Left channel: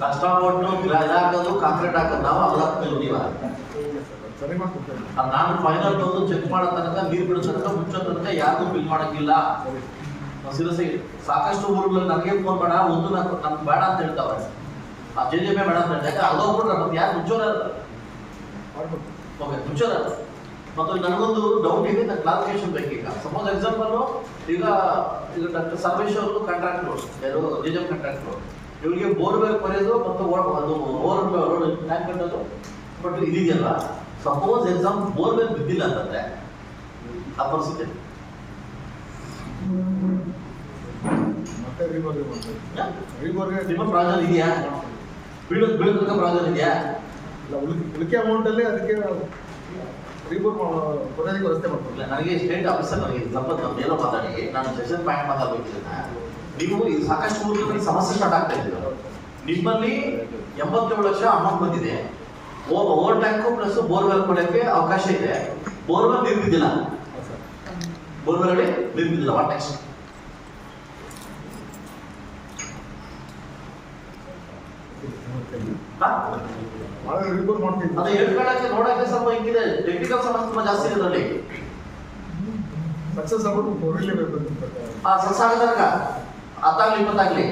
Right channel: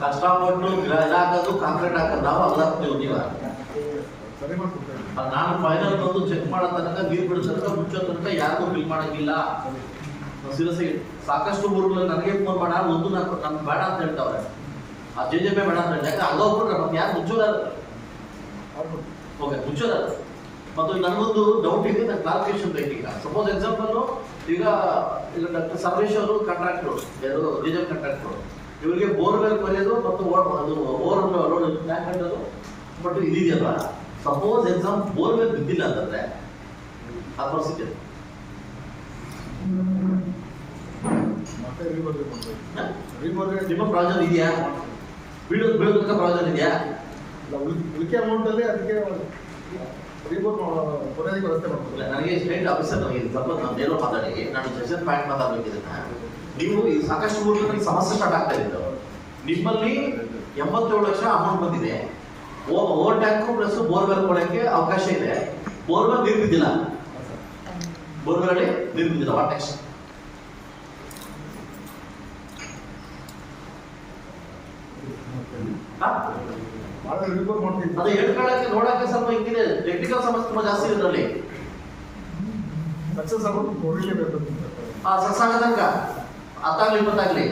ಕಷ್ಟಪಟ್ಟು ಇದಾಕೋದು ಕಾಂಕ್ರೀಟ್ ಹಾಕೋದು ನಾವು ಅಲ್ಲಾಗ್ತೀವಿ ನೀವ ನಾನು ಫೈನಲ್ ಬಂದು ಚೆಕ್ ಮಾಡೋ ತನಕ ನೀರು ಬಿಡೋ ತನಕ ಮುಚ್ಚೋ ತನಕ ಯಾರಿಗೂ ಬಿಲ್ ಮಾಡಂಗಿಲ್ಲ. ಸೀರಿಯಸ್ ಆಗಿ ಸಾಕಷ್ಟು ಊರುಗಳಲ್ಲಿ ನನಗೆ ಫೋನ್ ಮಾಡ ಒಂದು ನಮ್ಗೆ ಬೇಡ ಅಂತ ಹೇಳ್ತಾವೆ, ಆ JJP ಬೇಡ ಅಂತ ಹೇಳಿ. ಯಾಕಂದ್ರೆ ಅಲ್ಲೋಗ್ಬಿಟ್ರೆ ಮತ್ತೆ ಯಾರು ಮುಚ್ಚೋರ ಓಕೆ ಮುಚ್ಚೋರ. ಮತ್ತು ನನಗೊಂದು ಡೌಟ್ ಇದೆ, ನನ್ನ ಕ್ಲಾರಿಫಿಕೇಶನ್ ಬೇಕು. ಈಗ ಸಪೋಸ್ ಎಕ್ಸಾಂಪಲ್ ಈಗ ಡಾಕ್ಟರ್ ಸರ್ವೇಶ್ ಅವರು ಕಾಂಟ್ರಾಕ್ಟ್ರು, ಯಾರು JJP ಕಾಂಟ್ರಾಕ್ಟ್ರು, ಇವರಿಗೆ ಬೋರ್ವೆಲ್ ಕೊರೆಯೋದು ಮತ್ತು ಅದು ಓವರ್ ರೋಡ್ ಟ್ಯಾಂಕ್ ಕಟ್ಟೋದು ಬಟ್ ಇದೆಯಲ್ವಾ. ಸಪೋಸ್ ಎಕ್ಸಾಮ್ ಬೋರ್ವೆಲ್ ಬಿದ್ದಿಲ್ಲ ಅಂತಂದ್ರೆ ಆ ಪರಿಸ್ಥಿತಿ ನಿಮ್ಮ ಪ್ರಾಜೆಕ್ಟ್ ಇದೆಯಾ? ಬೀಳೋದಕ್ಕೆ ಪ್ರಾಜೆಕ್ಟ್ ಇದೆಯಾ? ಉಳಿಕೆ ಅಮೌಂಟ್ ಅಲ್ಲಿ ಅದಕ್ಕೆ ವ್ಯವಸ್ಥೆ ಮಾಡ್ತಾರೆ. ನನಗೆ ಸ್ಟೇಟ್ ಆಫೀಸರ್ ನನಗೆ ಸ್ವಲ್ಪ ನೇರ ಮಾತಾಡಿ, ನಾನು ಸೆಷನ್ ಪಾಯಿಂಟ್ ಮಾತಾಡಬೇಕಿದ್ರೆ ನೀವು ಸಾಕಷ್ಟು ಊರಲ್ಲಿ ಸಮಸ್ಯೆ ಸ್ಟಾರ್ಟ್ ಆಗ್ತಾ ಇದ್ದು. ನಿಮ್ಮಲ್ಲಿ 87 ಲಕ್ಷ ಅಮೌಂಟ್ ಬಂದಿದೆ, ಓವರ್ ಟ್ಯಾಂಕು ಪ್ಲಸ್ ಬೋರ್ವೆಲ್ ಕೊಡಕ್ಕೆ ಅವಕಾಶ ಇದೆ. ಬೋರ್ವೆಲ್ ನೀರು ಬಿದ್ದಿಲ್ಲ, ಬೋರ್ವೆಲ್ ಅಲ್ಲಿ ನೀರು ಬಿದ್ದಿಲ್ಲ. What next? ಅದು ಹೇಳ್ಕೊಳ್ಳಕ್ಕೆ ನೋಡಕ್ಕೆ ಸ್ವಲ್ಪ ಹಿಂಗಿದೆ, ಟೆಕ್ನಿಕಲ್ ಸಮಸ್ಯೆ ತುಂಬಾ ಜಾಸ್ತಿ ಇದೆ ಅದರಲ್ಲಿ. ಸಕ್ಸಸ್ ಆಗೋದು ಸಕ್ಸಸ್ ಆಗದಾಗ 10 ಆಗ್ಲಿ 20 ಆಗ್ಲಿ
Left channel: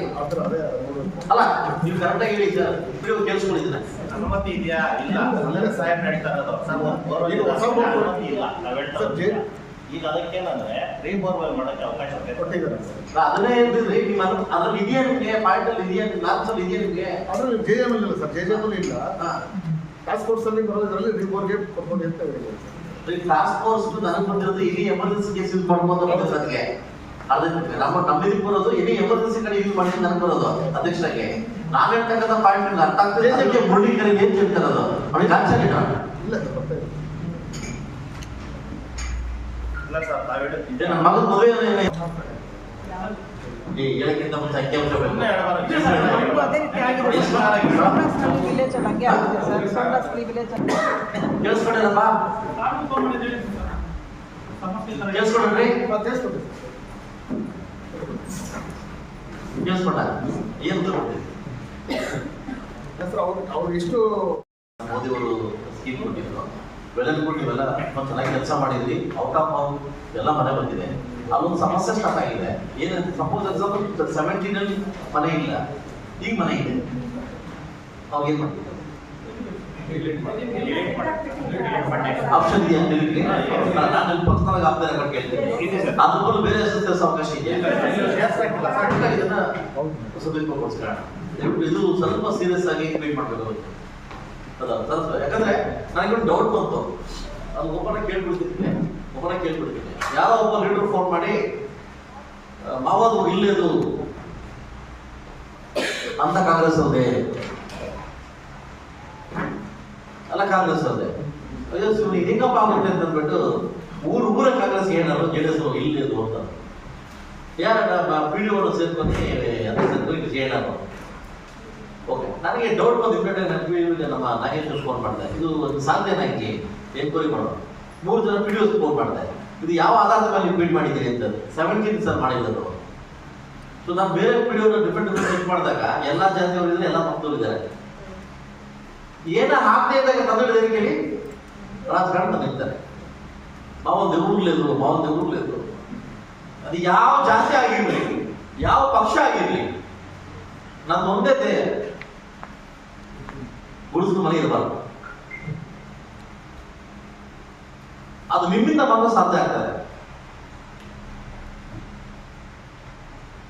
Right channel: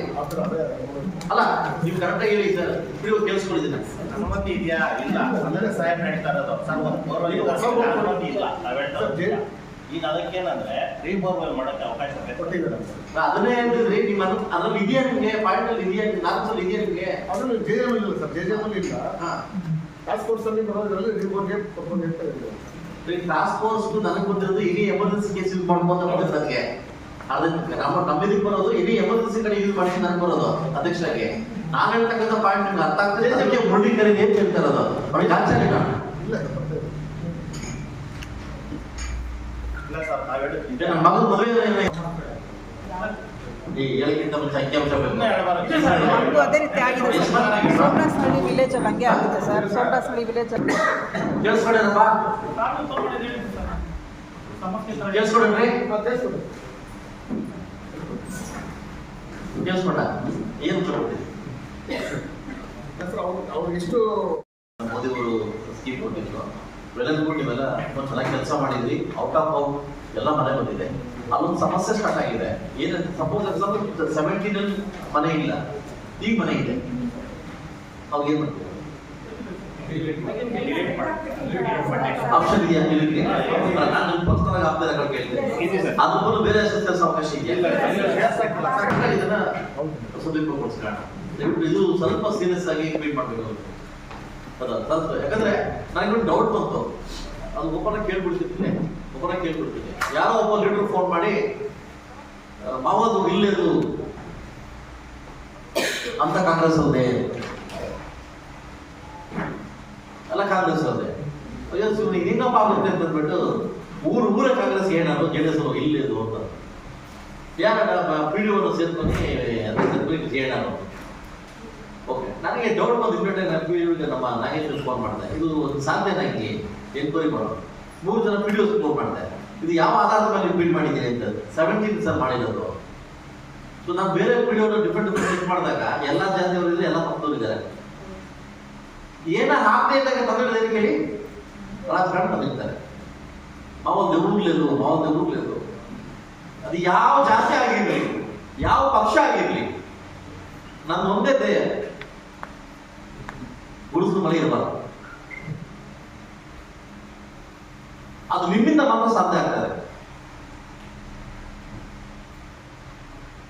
ಅಲ್ಲ, ನೀವು ಕರೆಕ್ಟಾಗಿ ಹೇಳಿ ಸರ್. ಇಬ್ಬರಿಗೂ ಕೇಳಿಸ್ಕೊಂಡಿದ್ದೀನಿ. ಅನುಮತಿ ಇದೆಯಾ ಇಲ್ಲ ಅಲ್ಲೇ ಸಹಾಯ ನಡೀತಾ ಇರೋದು. ಈಗ ಅದಕ್ಕೇನಂದ್ರೆ ರೀಬೋರ್ವೆಲ್ ಮಾಡಕ್ಕೆ ಅವಕಾಶ ಕೊಟ್ಟಿದ್ದಾರೆ. ಅದನ್ನೇ ಹೇಳ್ತಿದ್ರಿ ನಿಮ್ಮ ಅದ್ರಲ್ಲಿ ಇದೆಯಾ ನಿಮ್ಗೆ? ಪಾಯಿಂಟ್ ಅಲ್ಲಿ ಇದೆಯಾ? ನಾಲ್ಕು ಇದೆಯಾ ನಿಮ್ಗೆ? ಅದ್ರಲ್ಲಿ JJP ಇಲ್ಲ ಸರ್, JJP ಇಲ್ಲ. ಟಾಸ್ಕ್ ಫೋರ್ಸ್ ಅಲ್ಲಿ ಬರೋದ್ರಲ್ಲಿ ರೀಬೋರ್ಗೆ ಕರ್ಕೊಂಡು ಹೋಗ್ತಾ ಇರ್ಬೋದು. ಟಾಸ್ಕ್ ಫೋರ್ಸ್ ನನಗೆ ಬಂದಿರೋದು ಇಡೀ ಎಮರ್ಜೆನ್ಸಿ ಕೇಸ್ ಯೂಸ್ ಮಾಡ್ಕೊಂತ ಬಂದಿರೋದು. ನನಗೆ ಅದೇ ನಮ್ಮಿದಕ್ಕೆ ಬರೋದು ಇಡೀ ಎಮರ್ಜೆನ್ಸಿ ಕಡೆ ಯೂಸ್ ಮಾಡ್ಕೊಂಡು ನನಗೆ ಬರೋದು ಅಧ್ಯಕ್ಷರಾಗಿ. ನಾನು ಹೇಳ್ತಕ್ಕಂಥ ಪಾಯಿಂಟ್ ನಿಮ್ಗೆ ಅರ್ಥ ಆಗ್ತದೆ. ಅದಕ್ಕೆ ಮುರುಳೀಕರಿಗೆ ಏನ್ ಹೇಳ್ತಾ ಇರೋದು ಅವ್ರಿಗೆ ಆಚಾರ್ಯ ಇಲ್ಲ ನನ್ನ ಮಗನ ಮದುವೆ ಹೇಳಕ್ಕಿಂತ ಮುಂಚೆ ಅಂಕಿಅಂಶ ಬೇಕು. ಅದೇ ರೀತಿ ಆಗಿದೆ ಸೋಮನಾಥ್ ವಿಲೇಜ್ ಅಲ್ಲಿ ಹಂಗೆ ಆಗಿದೆ ಸರ್. ಸೋಮನಾಥ್ ವಿಲೇಜ್ ಅಲ್ಲಿ ಕೇಳಿಸ್ಕೊಂಡ್ರಪ್ಪ? ಕೇಳಿಸ್ಕೊಂಡ್ರಿ? ಕೇಳಿಸ್ಕೊಂಡ? ಏನು ತಗೊಳ್ತೀವಿ? ಅವ್ರಿಗೆ ಎಷ್ಟು ಮೋದಿಯವರು ಸ್ಕೀಮ್ ಕೊಟ್ಟಿದ್ರು, ವೆಲನ್ಗುಡ್ ನೀವೆಲ್ಲ ತುಂಬ ಚೆನ್ನಾಗಿ ಕೆಲಸ ಮಾಡಿದ್ರಿ. ಔಟ್ ಆಫ್ ಔಟ್ ಎಲ್ಲ ಮನೆ ಬಂದಿದೆ. ಅಲ್ಲೊಂದು ಸಮಸ್ಯೆ ಸ್ಟಾರ್ಟ್ ಆಗಿದೆ. ಏನಂತ ಸಪೋಸ್ ಎಕ್ಸಾಂಪಲ್ 17 ಮನೆ ಇಲ್ಲ, ಈಗ ಮನೆ ಇದೆ, ಅವಾಗ ಏನ್ ಮಾಡ್ತೀವಿ? ಆಪ್ಷನ್ ಇದೆಯಾ? ನಾನು ಪರ್ಸನಲ್ ಆಗ್ತಾ ಕೇಳ್ತೇನೆ. ಅದ್ರ ಬದಲು ಬೇರೆ ಅವಕಾಶ ಇದೆಯಾ? ಇದನ್ನ ಸದುಪಯೋಗಪಡಿಸ್ಕೊಳ್ಳೋಣ. ಇದು ಸ್ವಲ್ಪ ಸೀರಿಯಸ್ ಆಗಿ ಟ್ರೀಟ್ ಮಾಡ್ಬೇಕು. ಅದ ಸ್ವಲ್ಪ ಯಾಕಂದ್ರೆ ನನಗೆ ಡೌಟ್ ಬಂತು, ಅದು ಒಬ್ಬನ ಕೇಳ್ಬಿಡ್ತೀನಿ. ಯಾರೋ ಒಬ್ಬ ಲೀಡರ್ ಫೋನ್ ಮಾಡಿ ಮಾವದು ಇಲ್ಲೇದು ಅಂತ ಕಾಂಗ್ರೆಸ್ ಅವ್ರದೇ ಅಲ್ಲ, ಕಾಂಗ್ರೆಸ್ ಅವ್ರದೇ. ಅಯ್ಯೋ ಸುಮ್ಮನೆ ಹಿಂಗಪ್ಪ ಆಗುತ್ತೆ ಅಂತ ಅಂದ್ಬಿಟ್ಟು ಊರೇ ಕಾಂಗ್ರೆಸ್ ಏನಾದ್ರು JDS ಇಲ್ಲೇದು ಅಂತ ಯಾರ PDO ಸೇರ್ಕೊಂಡು ಏನಾದ್ರು. ಓಕೆ, ನನಗೆ ಡೌಟ್ ಬಂದು ಇಮ್ಮಿಡಿಯೇಟ್ ನಮ್ಮ ನಾಗೇಶ್ವರ್ ಫೋನ್ ಮಾಡಿದೆ. ಇದು ಸಾಧ್ಯ ನನಗೆ ಎನ್ಕ್ವೈರಿ ಮಾಡೋದು. 3 ಜನ PDOs ಫೋನ್ ಮಾಡಿದೆ. ಇದು ಯಾವ ಆಧಾರದ ಮೇಲೆ ಫೀಡ್ ಮಾಡಿದ್ದೀರಿ ಅಂತ. 17 ಸರ್ ಮಾಡಿರೋದು. ಸೊ ನಾನು ಬೇರೆ PDO ಡಿಫ್ರೆಂಟ್ ಚೆಕ್ ಮಾಡಿದಾಗ ಎಲ್ಲ ಜಾತಿಯವರು ಇದ್ದಾರೆ, ಎಲ್ಲ ಮಕ್ಕಳು ಇದ್ದಾರೆ. ಏನ ಆಗದೆ ಇದ್ದಾಗ ತಂದೆ ಕೇಳಿ ರಾಜಕಾರಣ ತಂದಿರ್ತಾರೆ. ಮಾವನ್ ದೇವ್ರೂರ್ಲೇದು ಅದು ಯಾವ ಜಾತಿ ಆಗಿರ್ಲಿ, ಯಾವ ಪಕ್ಷ ಆಗಿರ್ಲಿ, ನಂದು ಒಂದೇ ದೇಹ ಗುಡಿಸಲು ಮನೆ ಇರಬಾರ್ದು. ಅದು ನಿಮ್ಮಿಂದ ಮಾತ್ರ ಸಾಧ್ಯ ಆಗ್ತದೆ.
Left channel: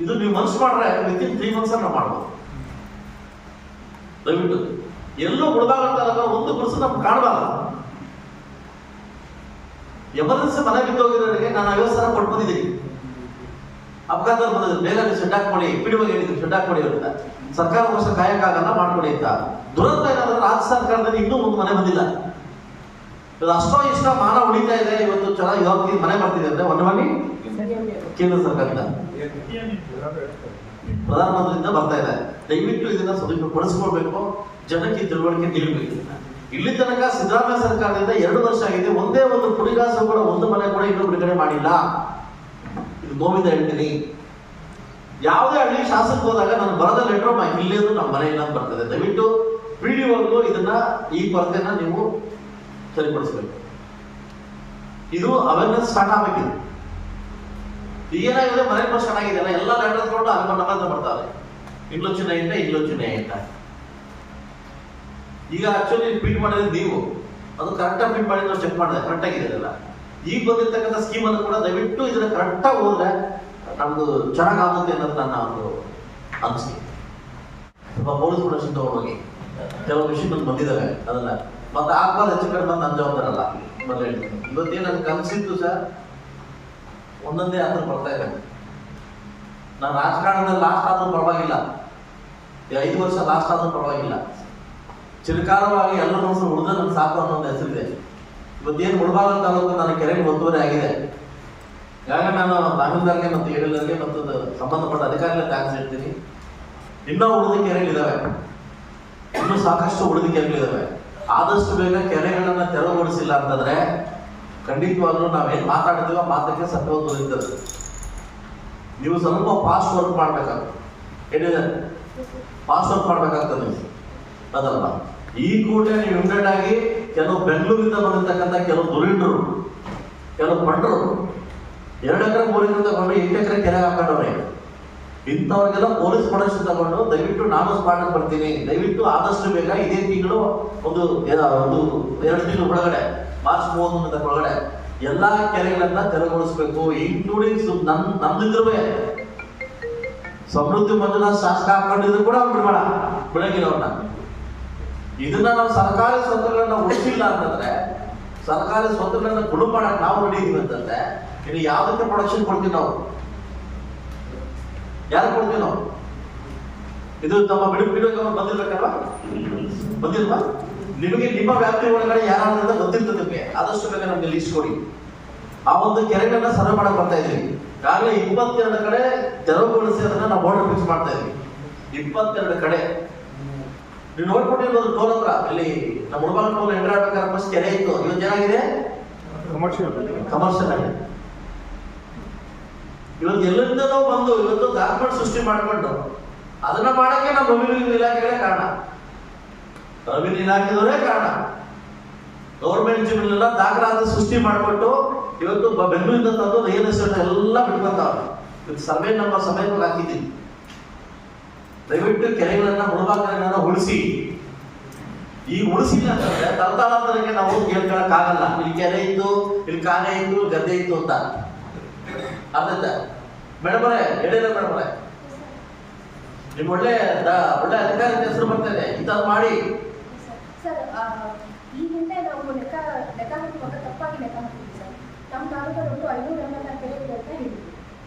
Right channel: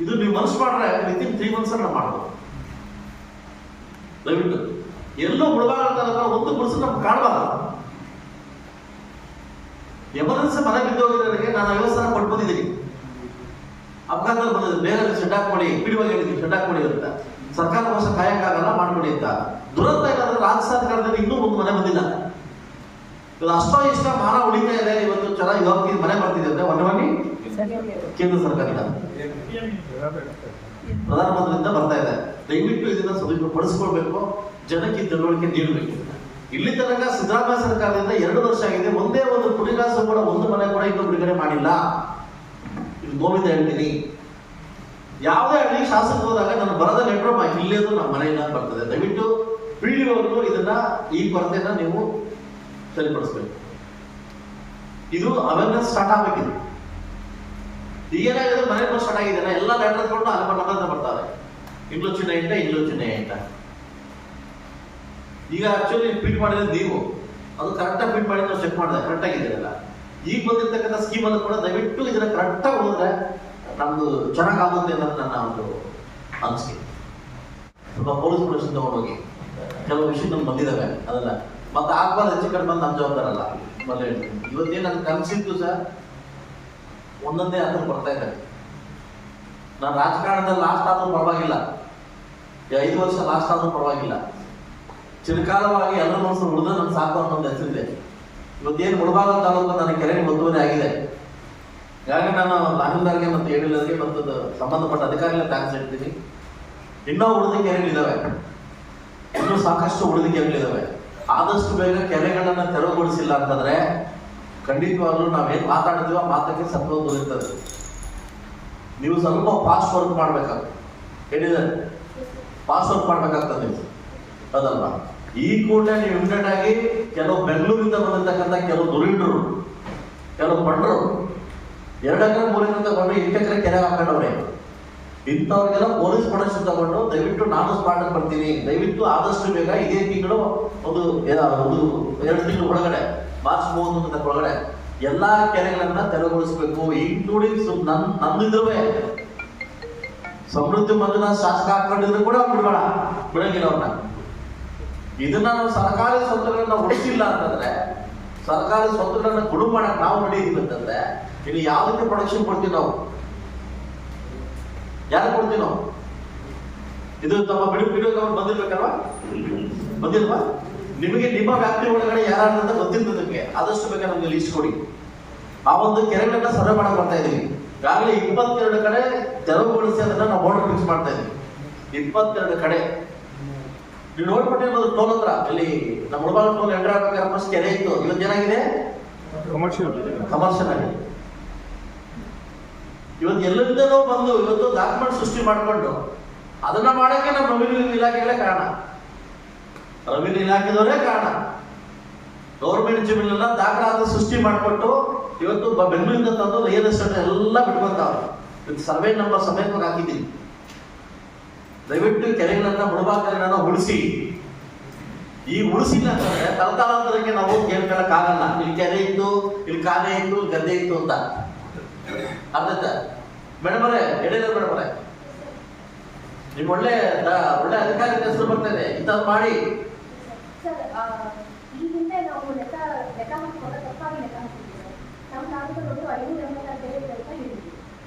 ಇದು ನೀವು ಮನಸ್ಸು ಮಾಡ್ರೆ ವಿತಿನ್ 3 months ನಾವು ಮಾಡ್ಬೋದು. ದಯವಿಟ್ಟು ಎಲ್ಲೂ ಮುಳಬಾಗಲ್ಲ ಒಂದು ಪರ್ಸನ್ ನಮ್ಗೆ ಕಾಣಬಾರ್ದು. ಎಮರ್ಜೆನ್ಸಿ ಮನೆ ಬಿದ್ದೋಗಿರೋರಿಗೆ ನಾನು 50,000 ಕೊಟ್ಟು ಬಂದಿದ್ದೀನಿ. ಅಪಘಾತ ಬಂದಿದೆ, ಬೇಗ ಶೆಡ್ ಹಾಕ್ಕೊಡಿ, PDO ಹೇಳಿದ್ರು ಶೆಡ್ ಹಾಕ್ಕೊಡಿ ಅಂತ. ಸರ್ಕಾರಕ್ಕೋಸ್ಕರ ಕಾಯಕ್ಕಾಗಲ್ಲ, ಮಾಡ್ಕೊಡಿ ಅಂತ. ದುರಂತ ಏನಾದ್ರೆ ರಾಜ್ಯ ಸರ್ಕಾರದಲ್ಲಿ ಇನ್ನೂ ಒಂದು ಮನೆ ಬಂದಿಲ್ಲ. ಅಷ್ಟೋ ಇಷ್ಟ ಮಾನ ಉಳಿತಾ ಇದೆ. ಇವತ್ತು ಚೆನ್ನಾಗಿ ಯೋಗಿ ಮನೆ ಬರ್ತಿದೆ ಅಂದ್ರೆ ಒನ್ನವನಿ ಕೇಂದ್ರ ಸರ್ಕಾರದಿಂದ ಪ್ರಧಾನಮಂತ್ರಿಯಿಂದ ಬರ್ತಾ ಇದೆ. ದಯವಿಟ್ಟು ಇದನ್ನ ಸದುಪಯೋಗಪಡಿಸ್ಕೊಳ್ಬೇಕು, ಜನಕ್ಕೆ ತಿಳುವಳಿಕೆ ನೀಡಬೇಕು. ಇಲ್ಲಿ ತನಕ ಸಿದ್ದರಾಮಯ್ಯ ಸರ್ಕಾರದಿಂದ 2 ವರ್ಷ ಆಗಿದೆ, ಒಂದೇ ಒಂದು ಕುಡಿಗಾಸು ಕೂಡ ಒಂದು ಮನೆ ಕೂಡ ಇನ್ನೂ ಬಿಡುಗಡೆ ಮಾಡಿಲ್ಲ. ಇದು ನೋವಿಂದ ಹೇಳ್ತೀನಿ. ಯಾವುದೇ ಹಳ್ಳಿ ಶಾಸಕ ಹೋದಾಗ ನಾನು ಬರದ ಲೆಟರ್ ಇಲ್ಲೇದು ನಮ್ಮ ಮನೆಯಿಂದ ಬರ್ತದೆ. ದಯವಿಟ್ಟು PDO ಇದನ್ನ ಈ ಕೊರತೆನ ನೀವು ಸರಿಪಡಿಸ್ಬೇಕು. ಇದು ಅವೇರ್ನೆಸ್ ಸ್ಟಾರ್ಟ್ ಆಗ್ಬೇಕಿದೆ. ಈಗೇನಾಗಿದೆ, ಮನೆ ಬಸ್ ಸ್ಟಾರ್ಟ್ ಆಗಿದೆಯಲ್ಲ, ಎಲ್ಲ ಲೆಟರ್ ತಗೊಂಡು ಅಲ್ಲಿ ನಮ್ಮಂತ ಬರ್ತಾರೆ. ಇಂಗ್ಲೋ ಚಿಹ್ನೆ ಅಂತ. ಈಗ ಆಕ್ಚುಲಿ ಫಿಟ್ ಮಾಡಿದ್ರೆ ನೀವು ಅದು ಕರೆಕ್ಟಾಗಿ ಫಿಟ್ ಮಾಡಿ ನಾವು ಚೆಕ್ ಮಾಡಿದೆ, ಕರೆಕ್ಟ್ ಆಗಿದೆಯಲ್ಲ. ಈಗ ಬಂದಿರ್ತಕ್ಕಂಥ ಸ್ಕೀಮ್ ಅನ್ನು ಕೂಡ ದಯವಿಟ್ಟು ಇದನ್ನ ಕರೆಕ್ಟಾಗಿ ಹೋದ್ರೆ ನಮ್ದು ಚೆನ್ನಾಗಾಗುತ್ತೆ ಅನ್ನೋದು ನನ್ನ ಒಂದು ಅನಿಸಿಕೆ. ಸ್ವಲ್ಪ ಪೊಲೀಸ್ ಪ್ರೊಟೆಕ್ಷನ್ ತಗೊಂಡೋಗಿ ಕೆಲವು ವಿಷಯಗಳು ಬಂದಿದ್ದಾವೆ, ಅದನ್ನ ಮತ್ತೆ ಆಗ್ಬಾರ್ದು ಹೆಚ್ಚು ಕಡಿಮೆ ನನ್ನ ಜವಾಬ್ದಾರಲ್ಲ. ಮೊದಲು ಹೇಳ್ತೀನಿ, ಇವತ್ತೇನು ನನಗೆ ಕನಸಿತ್ತು ಸರ್, ಒಂದೊಂದೇ ಹತ್ರ ಬರ್ತಾ ಇದ್ದಾರೆ. ನಾನು ರಾಜಕಾರಣದಲ್ಲಿ ಲಾಸ್ಟ್ ಆದ್ರೂ ಪರವಾಗಿಲ್ಲ, 5 ವರ್ಷ ಲಾಸ್ಟ್ ಆದ್ರೂ ಪರವಾಗಿಲ್ಲ, ಚಿರಕಾಲವಾಗಿ ಎಲ್ಲ ಮನಸ್ಸು ಉಳಿದ ನನ್ನ ಸಾಕು ಅನ್ನೋ ಹೆಸರಿದೆ. ಇವತ್ತೇನು ಮುಳಬಾಗ ತಾಲೂಕು ನನ್ನ ಕೆರೆಗೆ ಒತ್ತುವರಿ ಆಗಿದೆ. ಹಾಗಾಗಿ ನಾನು ತಹಸೀಲ್ದಾರ್ಗೆ ಮತ್ತು ADLಗೆ ಮತ್ತು ಸಂಬಂಧಪಟ್ಟ ಅಧಿಕಾರಿಗಳಿಗೆ ಥ್ಯಾಂಕ್ಸ್ ಹೇಳ್ತೀನಿ. ಇನ್ನೂ ಉಳಿದ ಕೆರೆಗಳಿದ್ದಾವೆ, ಇನ್ನೂ ಸಾಕಷ್ಟು ಉಳಿದ ಕೆರೆಗಳಿದ್ದಾವೆ. ಆದಷ್ಟು ಬೇಗ ಕೆರೆಗಳನ್ನ ತೆರವುಗೊಳಿಸಿಲ್ಲ ಅಂತಂದ್ರೆ ಖಂಡಿತವಾಗ್ಲೂ ನಾವೇನು ಮಾತಾಡ್ತೀವೋ ಮಾತಕ್ಕೆ ಸತ್ವ ದೊರೆಯುತ್ತದೆ. ನೀವು ಸ್ವಲ್ಪ ಫಾಸ್ಟ್ ವರ್ಕ್ ಮಾಡ್ಬೇಕಾಗ್ತದೆ, ಹೇಳಿದೆ ಫಾಸ್ಟ್ ವರ್ಕ್ ಮಾಡ್ಬೇಕಾಗ್ತದೆ ನೀವು, ಅದಲ್ಲ. ಈ ಕೂಡಲೇ ನೀವು ಇಮಿಡಿಯೇಟ್ ಆಗಿ ಕೆಲವು ಬೆಂಗಳೂರಿಂದ ಬಂದಿರ್ತಕ್ಕಂಥ ಕೆಲವು ದುರೀಣರು, ಕೆಲವು ಬಂಡರು 2 ಎಕರೆ 3 ಎಕರೆ ತಗೊಂಡು 8 ಎಕರೆ ಕೆರೆ ಹಾಕೊಂಡವ್ರೆ. ಇಂಥವ್ರಿಗೆಲ್ಲ ಪೊಲೀಸ್ ಪ್ರೊಟೆಕ್ಷನ್ ತಗೊಂಡು ದಯವಿಟ್ಟು ನಾನು ಸ್ಪಾಟ್ ಬರ್ತೀನಿ. ದಯವಿಟ್ಟು ಆದಷ್ಟು ಬೇಗ ಇದೇ ತಿಂಗಳು ಒಂದು 2 ತಿಂಗಳ ಒಳಗಡೆ, ಮಾರ್ಚ್ 31 ಒಳಗಡೆ ಎಲ್ಲಾ ಕೆರೆಗಳನ್ನ ತೆರವುಗೊಳಿಸಬೇಕು. ಇನ್ಕ್ಲೂಡಿಂಗ್ ನಮ್ದಿದ್ರುವೆ ಸಮೃದ್ಧಿ ಮಂಜುನಾಥ್ ಶಾಸಕ ಹಾಕೊಂಡಿದ್ರು ಕೂಡ ಬಿಡಂಗಿಲ್ಲ ಅವ್ರನ್ನ. ಇದನ್ನ ನಾವು ಸರ್ಕಾರಿ ಸ್ವತ್ತುಗಳನ್ನ ಉಳಿಸಿಲ್ಲ ಅಂತಂದ್ರೆ, ಸರ್ಕಾರಿ ಸ್ವತ್ತುಗಳನ್ನ ಗುಡು ಮಾಡಕ್ ನಾವು ರೆಡಿ ಇದೀವಿ ಅಂತಂದ್ರೆ, ಇಲ್ಲಿ ಯಾವ್ದಕ್ಕೆ ಪ್ರೊಡಕ್ಷನ್ ಕೊಡ್ತೀವಿ ನಾವು? ಯಾರು ಕೊಡ್ತೀವಿ ನಾವು? ಇದು ತಮ್ಮ ಬಿಡುಗಡೆ ಬಂದಿರ್ಬೇಕಲ್ವಾ? ಬಂದಿಲ್ವಾ? ನಿಮಗೆ ನಿಮ್ಮ ವ್ಯಾಪ್ತಿ ಒಳಗಡೆ ಯಾರಾದ್ರಿಂದ ಗೊತ್ತಿರ್ತದೆ ನಿಮಗೆ. ಆದಷ್ಟು ಬೇಗ ನಮ್ಗೆ ಲೀಸ್ಟ್ ಕೊಡಿ. ಆ ಒಂದು ಕೆರೆಗಳನ್ನ ಸರ್ವೆ ಮಾಡಕ್ ಬರ್ತಾ ಇದೀವಿ. ಈಗಾಗಲೇ 22 ಕಡೆ ತೆರವುಗೊಳಿಸಿ ಅದನ್ನ ನಾವು ಬೋರ್ಡರ್ ಫಿಕ್ಸ್ ಮಾಡ್ತಾ ಇದೀವಿ. 22 ಕಡೆ ನೀವು ನೋಡ್ಬಿಟ್ಟಿರೋದು ಟೋಲ್ ಹತ್ರ. ಇಲ್ಲಿ ನಮ್ಮ ಮುಳಬಾಗ ಟೋಲ್ ಎಂಟ್ರಿ ಆಗ್ಬೇಕಾದ್ರೆ ಫಸ್ಟ್ ಕೆರೆ ಇತ್ತು, ಇವತ್ತು ಏನಾಗಿದೆ? ಕಮರ್ಷಿಯಲ್ ಆಗಿದೆ. ಇವತ್ತು ಎಲ್ಲರಿಂದಲೂ ಬಂದು ಇವತ್ತು ಡಾಕ್ಯುಮೆಂಟ್ ಸೃಷ್ಟಿ ಮಾಡಿಕೊಂಡು ಅದನ್ನ ಮಾಡಕ್ಕೆ ನಮ್ಮ ರೆವಿನ್ಯೂ ಇಲಾಖೆಗಳೇ ಕಾರಣ, ರೆವಿನ್ಯೂ ಇಲಾಖೆದವರೇ ಕಾರಣ. ಗೌರ್ಮೆಂಟ್ ಜಮೀನೆಲ್ಲ ದಾಖಲಾತಿ ಸೃಷ್ಟಿ ಮಾಡಿಕೊಟ್ಟು ಇವತ್ತು ಬೆಂಗಳೂರಿಂದ ತಂದು ರಿಯಲ್ ಎಸ್ಟೇಟ್ ಎಲ್ಲ ಬಿಟ್ಕೊಂತಾವ್ರೆ. ಇವತ್ತು ಸರ್ವೆ ನಂಬರ್ ಸಮೇತ ಹಾಕಿದ್ದೀನಿ. ದಯವಿಟ್ಟು ಕೆರೆಗಳನ್ನ ಮುಳಬಾಗಿಲನ್ನ ಉಳಿಸಿ. ಈ ಉಳಿಸಿಲ್ಲ ಅಂತಂದ್ರೆ ತಲತಲಾಂತರಕ್ಕೆ ನಾವು ಹೇಳ್ಕೊಳಕ್ ಆಗಲ್ಲ. ಇಲ್ಲಿ ಕೆರೆ ಇತ್ತು, ಇಲ್ಲಿ ಕಾಗೆ ಇತ್ತು, ಗದ್ದೆ ಇತ್ತು ಅಂತ ಅರ್ಥ. ಮೇಡಮರೇ, ಹೇಳಿಲ್ಲ ಮೇಡಮರೇ, ನಿಮ್ ಒಳ್ಳೆ ಅಧಿಕಾರಿ ಹೆಸರು ಬರ್ತದೆ, ಇಂಥದ್ದು ಮಾಡಿ. ಸರ್, ಈ ಹಿಂದೆ ನಾವು ಲೆಕ್ಕ ಹಾಕುವಾಗ ತಪ್ಪಾಗಿ ಲೆಕ್ಕ ಹಾಕಿದ್ವಿ ಸರ್. ನಮ್ಮ ತಾಲೂಕಲ್ಲಿ 500 ml ಕೆರೆ ಇದೆ ಅಂತ ಹೇಳಿದ್ವಿ.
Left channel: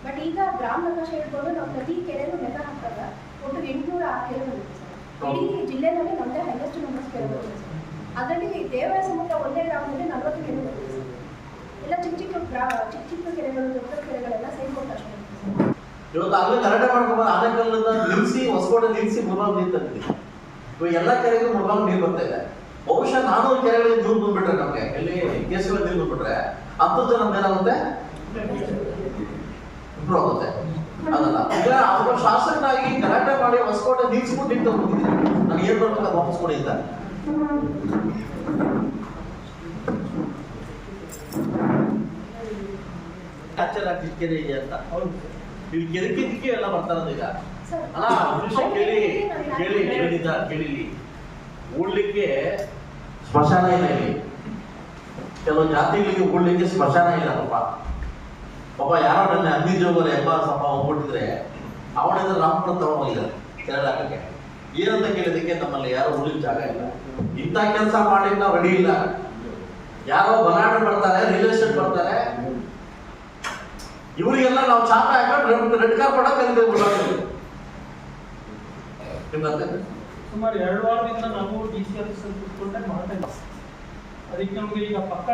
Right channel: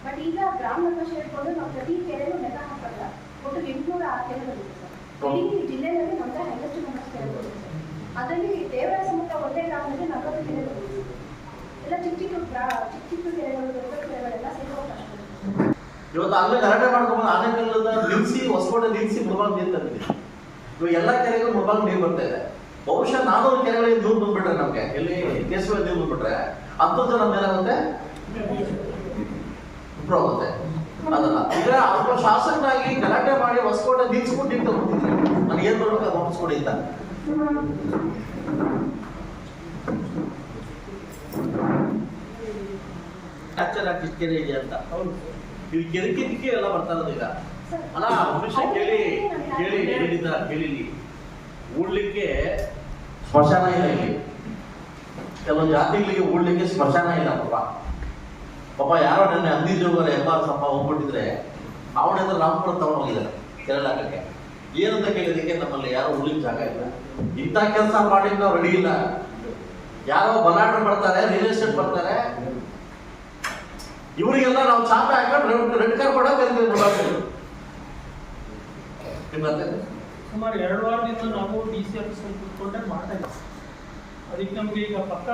ಬಟ್ ಈಗ ಗ್ರಾಮ ನಕಾಶೆ ಹಿಡ್ಕೊಂಡು ನಾವು ಪ್ರತಿ ಕೆರೆಗೂ ಲೆಕ್ಕ ಹಾಕಿದಾಗ ಒಟ್ಟು 806 ಕೆರೆಗಳಿದೆ ಸರ್. ಇಡೀ ಜಿಲ್ಲೆಯಲ್ಲಿ ನಮಗೆ ಹೈಯೆಸ್ಟ್ ನಂಬರ್ಸ್ ಕೆರೆಗಳಿದೆ ಸರ್. ಅದರಲ್ಲಿ ದೇವರ ಸಮುದ್ರ ಒಂದೇ ಗ್ರಾಮದಲ್ಲಿ 40 ಕೆರೆಗಳಿದೆ ಸರ್. ಎಲ್ಲ ಚಿಕ್ಕ ಚಿಕ್ಕ ಕೆರೆಗಳು, ದೊಡ್ಡ ಕೆರೆಗಳೆಲ್ಲ ಸೇರ್ಕೊಂಡು ಅಷ್ಟೇ. ಇವತ್ತು ಅಲ್ಲೇ ಗಲಾಟೆ ಮಾಡ್ಕೊಂಡು ಆನೆಕಲ್ಲದ ನಿಲ್ಸಿ, ಹೊಸಕೋಟೆ ನಿಲ್ಸಿ ಮುಳಬಾಗ ನೀರು ತಂದಿದ್ದೀವಿ. ಇವಾಗ ಎಲ್ಲ ಕೆರೆಗೂ ಮುಳಬಾಗ ನೀರು ಬರ್ತಾ ಇದೆ. ಬಹುಶಃ 400 ಕೆರೆಗಳಿಗೆ ನೀರು ಬಂದ್ಬಿಟ್ರೆ ನಮ್ಗೆ ಎಲ್ಲಿ ಕೇಸುವ ನೀರು ಬಂದ್ಬಿಟ್ರೆ 10 ಜನ ಏನಾಗುತ್ತೆ, ಇಂಪ್ರೂವ್ ಆಗುತ್ತೆ. ಅದಲ್ಲ ಈಗ ಒಬ್ಬ ಶಾಸಕನಾಗಿ ಗಲಾಟೆ ಮಾಡಿ ಹೊಸಕೋಟೆ ನಿಲ್ಸ್ಕೊಂಡು ನೀರು ತಗೊಂಡಿದ್ದೀನಿ. ನಾನು ಏನ್ ಮಾಡ್ಬೇಕು ಅದು ವಾಪಸ್ ಕೊಡಿ ಅಂತ. ಚೆನ್ನಾಗಿ ಕೆರೆ ಇದೆ ಅಂತ ಇಲ್ಲಿ ಕೆದಕಿದ್ದಕ್ಕೆ ಎಲ್ಲ ಬರ್ತಾರದು. ಈಗ ಅಲ್ಲ ಒಂದು ವಿಷಯ ಕೇಳಿ ಹೇಳಿದ್ದ ಕೇಳಿಲಿ, ಉಳ್ಲಿಕ್ಕೆ ಸ್ಮಶಾನ ಇಲ್ಲ ಇಲ್ಲಿ. ಕೆಲವು ಜಾತಿಗಳಿಗೆ ಉಳ್ಲಿಕ್ಕೆ ಸ್ಮಶಾನ ಇಲ್ಲ. ಪಾಪ ಯಾರೋ ನನ್ನ ಅಂದಿಜೋಗರ ಎಂಬ ಸಂಪ ಹೋಗ್ಬಿಟ್ಟಿದ್ರೆ ಅವನಿಂದ ರಾಮಪುರ ತಗೊಂಡೋಗಿದ್ದಾರೆ ಕೆರೆ ಹಾಕಕ್ಕೆ. ಏನಂತ ಕೇಳಿದಕ್ಕೆ ನಮ್ಮಲ್ಲಿ ಯಾರು ಉಳ್ಳಿಕ್ಕೆ ಜಾಗ ಇಲ್ಲ. ಇಂಥ ಕೆಲಸ ಮಾಡಿ ನಾವು ರೆಡಿ ಇಲ್ಲ. ಯಾರೋ ಬಲಾಟ ಬರ್ತಾರೆ, ರಿಯಲ್ ಎಸ್ಟೇಟ್ ಬರ್ತಾರೆ, ಇವರಿಗೆಲ್ಲ ನಾವು ಚಾಪೆ ಹಾಕೊಂಡು ರೆಡ್ ಕಾರ್ ಕೊಡೋಕೆ ಸುಮಾರು 2 ವಾರದಿಂದ ನಾವು DC ಆಫೀಸ್ ಕಾಂಟ್ಯಾಕ್ಟ್ ಮಾಡ್ತಾ ಇದ್ದೀವಿ. ಅದಕ್ಕೆ ನಮಗೆ ಈಗ ಪಕ್ಕ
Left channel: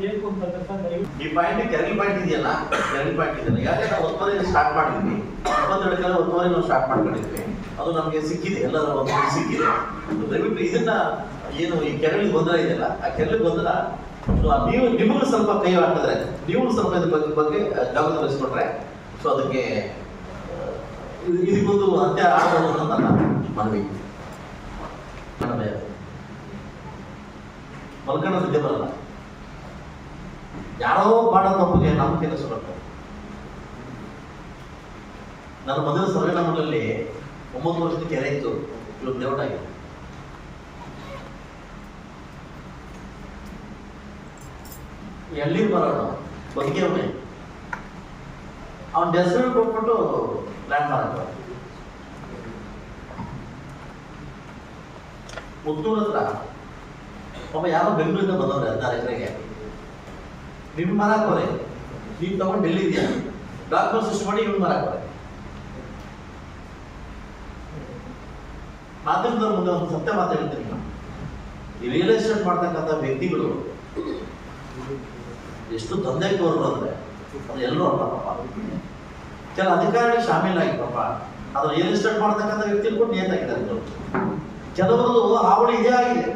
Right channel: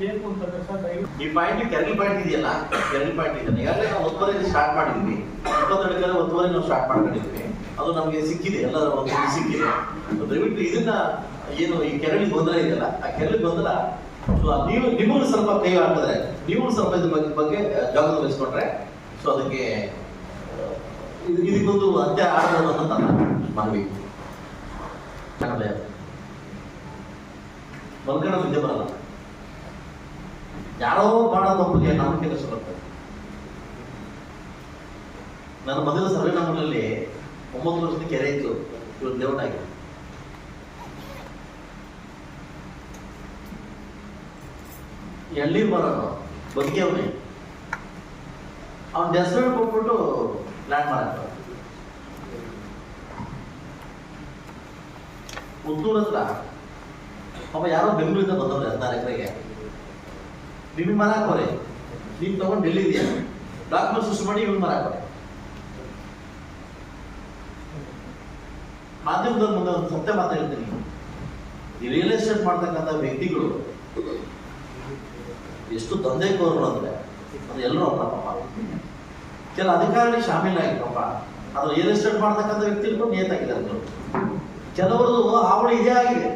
ಬೇಕು ಅಂತಂದ್ರೆ ಸರ್ ದಯವಿಟ್ಟು ಈ ಪಾಯಿಂಟ್ ಕೆರಳಿ ಪಾಯಿಂಟ್ ಇದೆಯಲ್ಲ, ಕೆರಳಿ ಪಾಯಿಂಟ್ ಇದೆಯಲ್ಲ, ಈಗಾಗಲೇ ನಾವು ಒತ್ತುವರಿ ಸ್ಟಾರ್ಟ್ ಮಾಡಿದ್ವಿ. 22 ಕೆಲ ಒತ್ತುವರಿ ನಾವು ಸ್ಟಾರ್ಟ್ ಮಾಡ್ಕೊಂಡಿದ್ವಿ. ಅದು ನಮಗೆ ಸಿಕ್ಕಿದೆ, ಎಲ್ಲರ ಒಂದು ಸಿಕ್ಕಿದೆ. ದಯವಿಟ್ಟು ಇದನ್ನ ಏನು ಈ ಕೆರಳಿ ಗೊಂದಲ ಇದೆಯಲ್ಲ, ಆ ಕೆರಳಿ ಗೊಂದಲ ನೀವು ನಿಮಗೂ ಸ್ವಲ್ಪ ಕೈ ಹಾಕಿದ್ರೆ, ನೀವು ಸ್ವಲ್ಪ ಇದ್ರ ಬಗ್ಗೆ ಜಾಗೃತಿ ವಹಿಸ್ಕೊಂಡ್ರೆ, ಸೊ ಅದಕ್ಕೆ ಇದಕ್ಕೊಂದು ಅಂತ್ಯ ಆಡಬಹುದು ಅಂತ ನನ್ನ ಮನವಿ. ಮಲ್ಕಣ ಸುದ್ದಿ ಬರಲ್ಲ, ಯಾರೋ ಮಾಡೋ ತಪ್ಪಿಗೆ ನಮ್ಮ ಕೆಲಸ ಬರ್ತದೆ. ನನ್ನ ಮೊದಲ ಸರ್ವೆ ನಮ್ಮಲ್ಲಿ 9 ವರ್ಷದ ಕೆರೆ ಇತ್ತು, ಇವತ್ತು ದೇವಟಾಗಿದೆ. ಎಳ್ಳಿ ಬರೋನು ಬದುಕಿಯವನೇ, ಅವನ ಹೆಸರು ಕೊಟ್ಬಿಟ್ಟು ಲ್ಯಾಂಡ್ ಮಾರಾಟ. ಮುತ್ತೂರ್ ಹತ್ರ ಒಬ್ಬ ಯಾರೋ ಬೆಂಗಳೂರಿಂದ ಬಂದವ್ರೆ 16 ಎಕರೆಗೆ. ನಿನ್ನ ಮಾರಾಕೋರೆ, ನೀನು ತಗೊಂಡು ಡೆಲ್ಲಿ ಇದೆಯಾ, ಡಾಕ್ಯುಮೆಂಟ್ ಸಿಸ್ಟಮ್ ಮಾಡಿ ಇವ್ನು ಮಾರಾಕೋರೆ. ಮಾಧ್ಯಮದವ್ರ ಮುಂದೆ ಒಂದು ಸತ್ಯ ಮಾತಾಡ್ತೀನಿ, ಈ ರಿಯಲ್ ಎಸ್ಟೇಟ್ ಮಾಡ್ತಕ್ಕಂಥ ವ್ಯಕ್ತಿಗಳು ಎಷ್ಟು ದಂಧೆಕೋರರು ಅಂದ್ರೆ ಅದು ಎಲ್ಲರೂ ಅಲ್ಲ ಪಾಪ. ಕೆಲ ಅಧಿಕಾರಿಗಳು ಶಾಮೀಲಾಗಿ ಪಾಪ ಅದು ರಿಯಲ್ ಎಸ್ಟೇಟ್ ಮಾಡ್ತಕ್ಕಂಥ ವ್ಯಕ್ತಿಗಳು ಕೂಡ ನಿಯತಾಗಿದ್ದಾರೆ. ಕೆಲವರು ಹಾವಳಿ ಇದೇ ಆಗಿದೆ.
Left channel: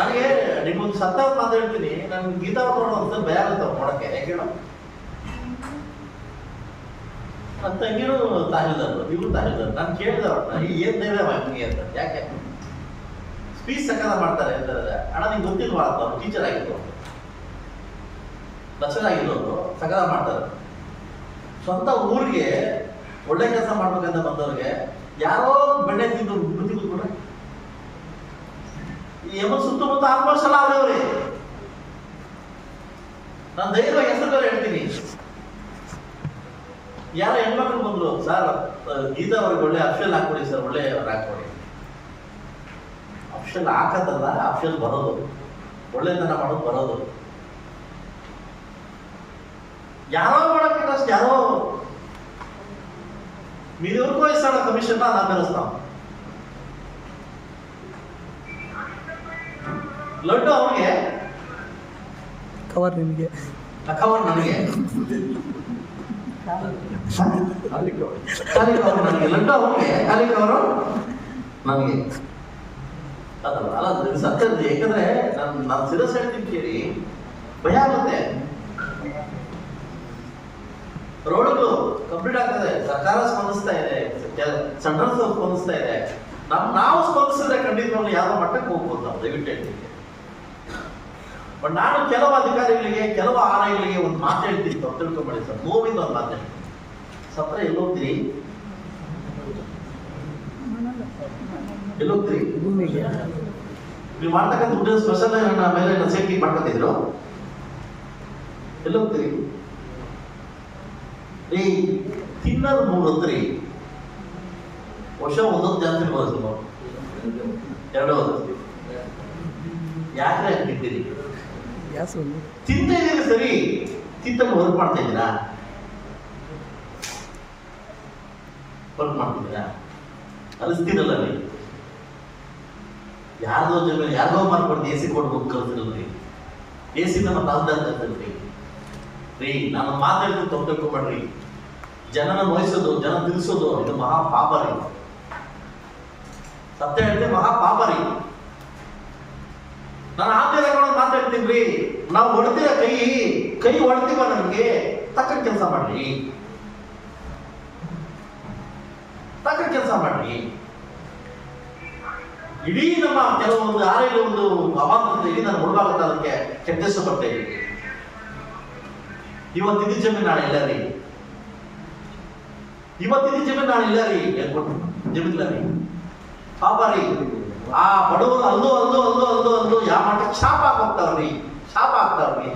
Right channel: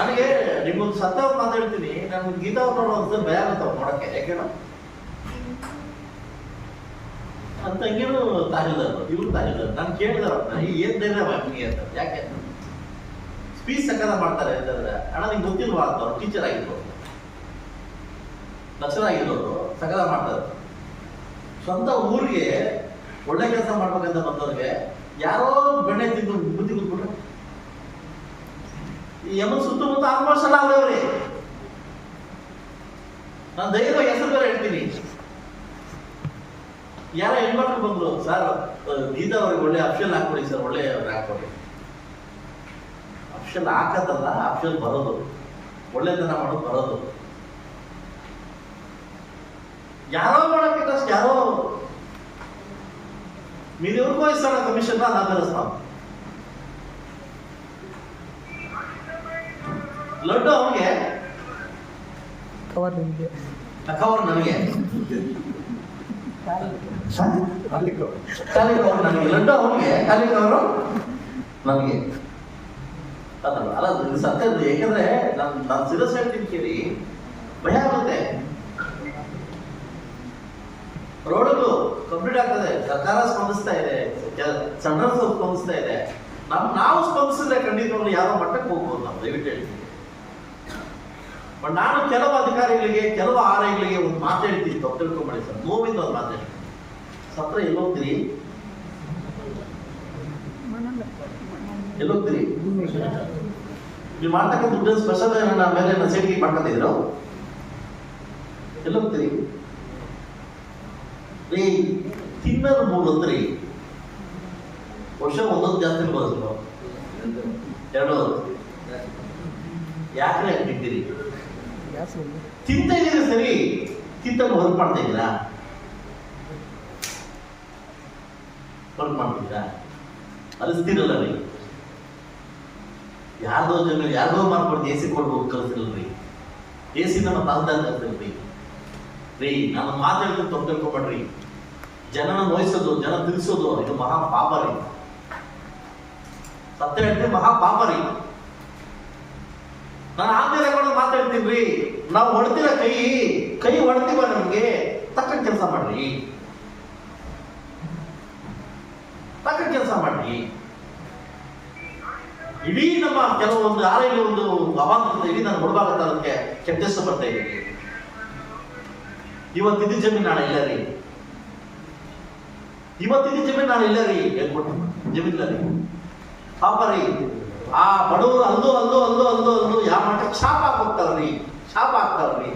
ನನಗೆ ನಿಮ್ಗೊಂದು ಸತ್ಯ ಮಾತಾಡ್ತೀನಿ, ನನ್ಗೆ ಗೀತಾ ಒಂದು ಭಯ ಆಗುತ್ತೆ ನೋಡಕ್ಕೆ. ಯಾಕೆ ನನ್ನ ತಂಗಿನೂ ತಾಹಿಲ್ದಾರು, ಇವ್ರು ತಾಹಿಲ್ದಾರು. ನಾನು ಕೇಳಿದೆ ಅವ್ರನ್ನ, ಏನ್ ಧೈರ್ಯ ನಿಮಗೆ ಅಂತ. ಯಾಕೆ ಸ್ಪೀಚ್ ಸಕಾಲ ಮಾಡ್ತಾರೆ ಅಂತಂದ್ರೆ, ಅಣ್ಣ ನಿಮ್ಗೆ ಗೊತ್ತಿಲ್ವಾ ಅಂತ. ಅವ್ರು ಟೀಚರ್ ಆಗಿದ್ರು, ಲೆಕ್ಚರ್ ಆಗಿರೋರು, ಸಕಾಲ ಮಾಡ್ತಾರೆ. ಸ್ವಂತ ಊರಿಗೆ ಒಳ್ಳೆ ಕೆಲಸ ಮಾಡ್ಬೇಕಂತ ಬಂದವ್ರಿಗೆ ಯಾರೋ ಬೆಣ್ಣೆ ತಿಂದು ಬುದ್ಧಿ ಕೂತ್ಬಿಟ್ರೆ. ಈ ಎಮ್ಮನ್ ಸುತ್ತಮುತ್ತ ಆಲ್ಮೋಸ್ಟ್ ಎಲ್ಲ ಅವ್ರವ್ರಿ. ನಾನು ಧೈರ್ಯವಾಗಿ ಹೆಸರು ಬೇರೆ ಹೇಳ್ತೀನಿ. ಯಾರೋ ಹೆಣ್ಮಕ್ಳು ಬಂದ್ರು, ಸರ್ ಗೀತಾ ಅವ್ರಿಗೆ ಒಳ್ಳೆ ಅಫ್ಷಲ್ ಹಾಕೊಡಿ ಸರ್, ಒಳ್ಳೆ ಹಾಕೊಡಿ. ಅಫ್ಷಲ್ ಹಾಕತ್ತಲ್ಲ, ಅಫ್ಷಲ್ ಬರೋದು, ಒಳ್ಳೆತನ ಮಾಡೋದು ಬರೋದು. ಯಾರೋ ಮಾಡಬೇಕಷ್ಟು ಯಾರೋ ಮೀರಿಯವ್ರಿಗೂ ವಯಸ್ಸಲ್ಲ ಕಮಿಷನ್ ನಾನು ಬೆರೆಸ್ತಾವ. ಲಡ್ಡು ಅವ್ರಿಗೆ, ಕವರ್ ನಿಮಗೆ, ಕವರ್ ನನಗೆ, ನನಗೆ ಲಡ್ಡು ಅವ್ರಿಗೆ, ಕಾಲಿಕವರು ನಮಗೆ. ಅದಲ್ಲ ಅಲ್ಲ, ಸತ್ಯ. ಯಾಕಂದ್ರೆ ನಾನು ಸಿರಸ್ ಹೇಳ್ತೀನಿ ಕೇಳಿ, ಭಯ ಆಗುತ್ತೆ. ರೋಡ್ಗಳು ಕಂಪ್ಲೀಟ್ ಆಗ್ತದೆ, ಸರ್ಕಾರ ಸ್ಪಂದಿಸ್ತಾ ಇದೆ, ಸೆಂಟ್ರಲ್ ಸ್ಪಂದಿಸ್ತಾ ಇದೆ. ನಾವು ಸ್ಪಂದಿಸಿದ್ರೆ ಖಂಡಿತವಾಗ್ಲೂ ಯಾವ ಮಟ್ಟಕ್ಕೆ ಹೋಗ್ಬೋದು ನಾವು, ದಯವಿಟ್ಟು ಹೇಳ್ತೀನಿ. ಬಟ್ ನಾನು ಕೆಲವು ಅಧಿಕಾರಿಗಳಿಗೆ, ಕೆಲವು ಆರ್ಐಗಳಿಗೆ ಒಂದು ಮಾತು ಹೇಳ್ತೀನಿ, ತಪ್ಪು ತಿಳ್ಕೊಂಬೇಡಿ ಸರ್, ನೋವಿಂದ ಒಂದು ಮಾತು ಹೇಳ್ತೀನಿ. ಸತ್ರ ಎಲ್ಲೋಗ್ತೀರಿ, ಎಲ್ಲೋಗ್ತೀರಿ? ನೀವು ಮಾಡ್ತಕ್ಕಂಥ ದುಡ್ಡು ಸ್ಪೆಷಲ್ ಮೇಲೆ ಸೇಫ್ಟಿ ಮಾಡ್ಕೊತಿದ್ರು, ಎಲ್ಲೋಗ್ತೀರಿ? ರೀ ತಿನ್ನೋದು 3 ಹೊತ್ರಿ, ವರ್ಷ ಒಂದೊಂದು ಜಾಸ್ತಿ ಬರೋದು, 2 ಹೊತ್ತು. ಯಾಕೆ ತಿಂತೀರಿ? ತಿಂತ ಇದ್ದೀರಿ ಸರಿ, ತಿಂತಲ್ಲಿ ವರ್ಕ್ ಮಾಡ್ತಾ ಇದ್ದೀರಾ? ವರ್ಕ್ ಮಾಡ್ತಿದ್ದೀರಾ? ಅನಿಸ್ತೀರಲ್ಲ ರೀ, ಯಾರ್ದೋ ಜನ ಯಾರ್ದೋ ಮಾಡ್ಕೊಡ್ದು AC ಕೊಡ್ಬೋದು ಕಲ್ತಿರಲ್ರಿ. AC ನಮ್ಮ ಕಾಲದಲ್ಲಿ ಕಲ್ತಿಲ್ರಿ ರೀ. ನಾನು ಮಾತಾಡ್ತೀನಿ, ತಪ್ಪು ತಿಳ್ಕೊಬೇಡ್ರಿ. ಜನನ ನೋಯಿಸೋದು, ಜನ ತಿಳಿಸೋದು ಇದು ಮಹಾ ಪಾಪ ರೀ. ಸತ್ಯ ಹೇಳ್ತೀನಿ, ಮಹಾ ಪಾಪ ರೀ. ನಾನು ಆಮೇಲೆ ಮಾತಾಡ್ತೀನಿ ರೀ. ನಾವು ಹೊಡ್ತೀರ ಕೈ ಹೊಡ್ತೀವ, ನಮ್ಗೆ ತಕ್ಕ ಕೆಲಸ ಮಾಡ್ರಿ, ತಕ್ಕ ಕೆಲಸ ಮಾಡ್ರಿ. ಇಡೀ ನಮ್ಮ ಕೆಲವೊಂದು ಆರೆಯಲ್ಲಿ ಒಂದು ಅವಾಂತರ ಇಡೀ ನಾನು ಹೊಡ್ಬಾಗತ್ತ, ಅದಕ್ಕೆ ಕೆಟ್ಟಷ್ಟು ಬರ್ತಾ ಇದ್ದೀನಿ. ಇವತ್ತಿದ್ದು ಜಮೀನು ನಾಳೆ ಇಲ್ಲ ರೀ, ಇವತ್ತಿದ್ದು ಜಮೀನು ನಾಳೆ ಇಲ್ಲ ರೀ, ಹೇಳ್ಕೊಟ್ಟು ಜಮೀನಿಲ್ಲ ರೀ. ಪಾಪ ರೀ, ಆ ಬಡವರು ಅಲ್ದು ಯಾವ ಮಟ್ಟಕ್ಕೆ ಶಾಪ ಹಾಕ್ತಾವ್ರಿ, ಶಾಪ ಹಾಕ್ತಾವ್ರಿ.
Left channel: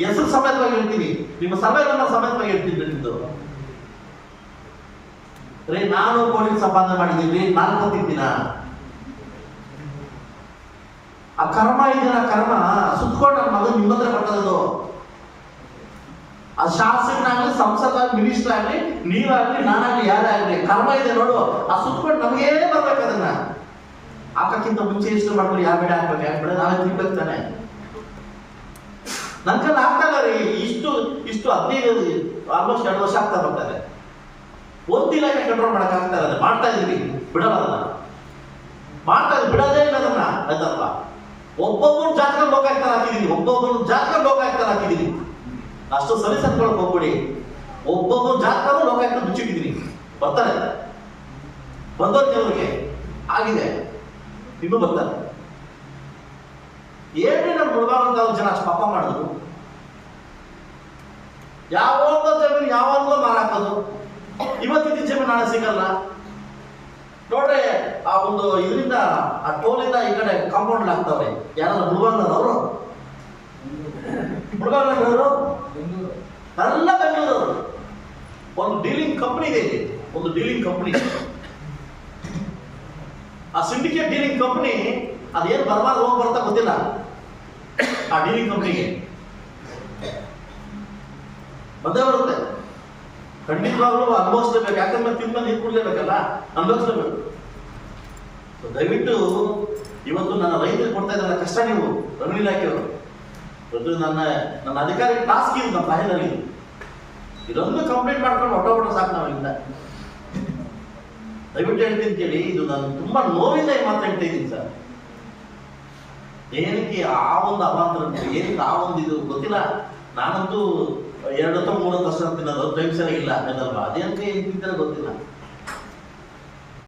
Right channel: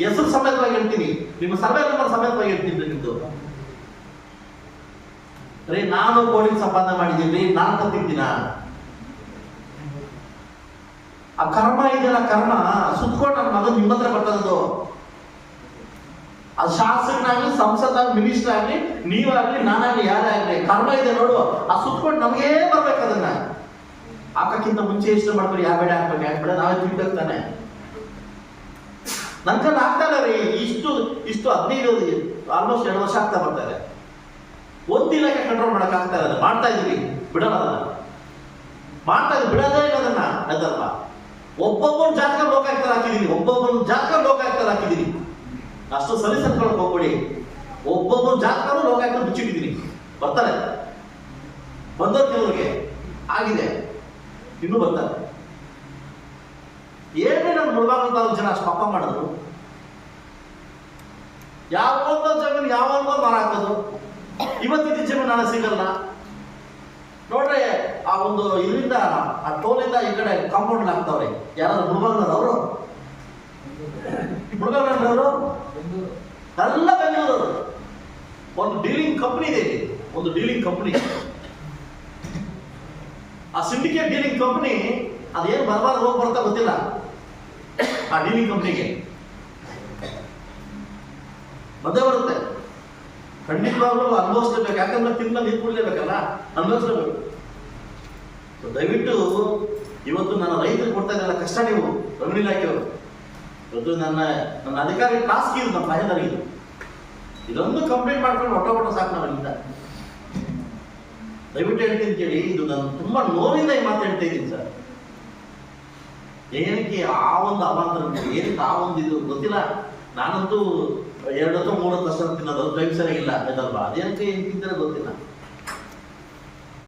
ಹೆಸರು ಸಮೇತವಾಗಿ ಹೇಳ್ತೀನಿ, ನಿಮ್ಮ ಸರ್ವೆ ನಂಬರ್ ಸಮೇತವಾಗಿ ಹೇಳ್ತೀನಿ ನಿಮ್ದು ರೀ. ನಾನು ಕೋಟಿ ಸಂಪಾದನೆ ಮಾಡಿದ್ದೀನಿ, ನಾನು ಕೊಟ್ಟಿದ್ದೀನ. ಆ ಕರ್ಮ ಇದೆಯಲ್ಲ, ಕರ್ಮ ಸುತ್ಕೊಂಡು ನನ್ನ ಮಗನ್ ನಿಮ್ಮ ಹತ್ರ ಬರ್ತದದು. ಅದು ಶಾಸಕನಾಗ್ಲಿ, ಸಂಸದಾಗ್ಲಿ, ಮಿನಿಸ್ಟರ್ ಆಗ್ಲಿ, ನೀವಾಗ್ಲಿ, ನಾನಾಗ್ಲಿ, ಯಾರೇ ಆಗ್ಲಿ, ಕರ್ಮ ಇದೆ ನೋಡು. ಆ ಸುತ್ಕೊಂಡು ನಮಗೇ ಬರ್ಬೇಕು. ಅದನ್ನ ಹಾಕಕ್ಕಿಂತ ಮುಂಚೆ ಇಷ್ಟ ಮಾಡ್ಕೊಂಡು ಯಾವ ಬೇಡ ಹಾಕ್ಬೇಕು, ಯಾಕೆ ಬೇಡ ನಾವೇ ತಿಳ್ಬೇಕು ತಾನೆ. ನನ್ನ ಕೈಲಿ ಆಗ್ತಾ ಇಲ್ಲ ರೀ. ಇಷ್ಟು 15 ಆಲ್ಮೋಸ್ಟ್ 2 ವರ್ಷ ಆಗ್ತಾ ಬರ್ತಾರೆ. ಒಂದಿನ ಕಂಟ್ರೋಲ್ ಮಾಡಕ್ ಆಗ್ತಾ ಇಲ್ಲ. ಮಾಡ್ತಾ ಇದೀವಿ, ಬಿಡಲ್ಲ ಅದನ್ನ, ಮಾಡ್ತಾ ಇದ್ದೀವಿ, ಬಿಡೋದೇ ಇಲ್ಲ ಅದನ್ನ. ಅದಲ್ವಾ, ಒಬ್ಬೊಬ್ಬನ ಜಾತಕ ಲೋಕಾಯುಕ್ತ ಹಾಕಿದೀನಿ, ಒಬ್ಬೊಬ್ಬನ ಜಾತಕ ಲೋಕಾಯುಕ್ತ ಹಾಕಿದೀನಿ. ಅಷ್ಟು ಸಲಿಸತ್ಕೊಳಕ್ ಹೋಗ್ಬಿಡಿ. ಒಬ್ಬೊಬ್ಬ ಜಾತಕನೂ ಲೋಕಾಯುಕ್ತ ಮುಚ್ಚಿಟ್ಟಿದ್ದೀನಿ, ಬರ್ತಾರೆ. ಬಂದವ್ರು ಕೆಲವ್ರಿಗೆ ಆಗಿದೆ, ಇನ್ನೂ ಬರ್ತಾರೆ. ಏನ್ರಿ ನಾನು ಮುಳುಬಾಗಂತ ಜನ ಅಷ್ಟು ಪಾಪ ಮಾಡಿದ್ರು. ಯಾವೊಂದೋ ಜಮೀನು ಯಾವೊಂದೋ ಮರ ಹಾಕೋದು, ಇವತ್ತಿದ್ದ ಜಮೀನು ನಾಳೆ ಸಿಗಲ್ಲ ನೋಡ್ರಿ. ಆ ಒಂದು ಇದರಿಂದ ಆ ಟೋಲಿಂದ ಈ ಕಡೆ ಕಾಂಪೌಂಡ್ ಹಾಕ್ತಾವ್ರೆ. ಯಾರು ಮುಳುಬಾಗದವರು, ಮುಳುಬಾಗದವರು ಎಲ್ಲ ಬೆಂಗಳೂರು. ಒಂದು ಡೀಲಿಂಗ್ ಕಂಪನಿ ಇದೆ ಇಲ್ಲಿ, ಒಂದು ಡೀಲಿಂಗ್ ಕಂಪನಿ. ಆ ಸಿಂಡಿಕೇಟ್ ಡೀಲಿಂಗ್ ಕಂಪನಿ ಅದೇನು ಬರಬಾರ್ದು ಹೋಗಿ ಬರ್ತಾ ಗೊತ್ತಿಲ್ಲ ಆ ಡೀಲಿಂಗ್ ಕಂಪನಿಗೆ. ಮದ್ದೆ ಬರುತ್ತೆ, ಖಂಡಿತವಾಗ್ಲೂ ಅನುಭವಿಸ್ಲೇಬೇಕು. ಯಾಕಂದ್ರೆ ತಿಂದ ನೀರು ಕುಡ್ಲೇಬೇಕಲ್ಲ, ಅನುಭವಿಸ್ಲೇಬೇಕು. ದಯವಿಟ್ಟು ಇವತ್ತು ನನ್ನ ರೈತರಿಗೆ ಕೊಡ್ತಾ ಇದ್ದಾರೆ ಕಷ್ಟ. ನೀವು ರೆವಿನ್ಯೂ ಇಲಾಖೆಯವರು ಇವತ್ತು ನನ್ನ ಅಧಿಕಾರಿ ಟಾಸ್ಕ್ ಇದು, ನಮ್ಮ ತಹಸೀಲ್ದಾರ್ಗೆ ಇದೊಂದು ಕಂಪ್ಲೀಟ್ ಮಾಡ್ಕೊಂಡು ಹೊಟ್ಟೋಗ್ಬಿಟ್ರೆ ಸಾಕು ನಾವಿಂದ. ದಯವಿಟ್ಟು ಹೇಳ್ತೀನಿ ಕೇಳಿ, ಇದು ನಾನು ತುಂಬಾ ನೋವಿಂದ ಈ ಮಾತು ಹೇಳ್ತಾ ಇದ್ದೀನಿ ಸರ್. ಏನಕ್ಕೆ ಆ ಒಂದು ಅವಾಂತರ, ಏನಕ್ಕೆ ಆ ಒಂದು ಇದು ಗೊತ್ತಿಲ್ಲ. ನಾನಂತೂ 2 ಅಥವಾ 3 ವರ್ಷ ತಿನ್ನೋದು ಟೈಮ್ ಸರಿಯಾಗಿಲ್ಲ, ಅದೇನಕ್ಕೆ ಏನು ತಿಂತಾರೆ ಗೊತ್ತಿಲ್ಲ.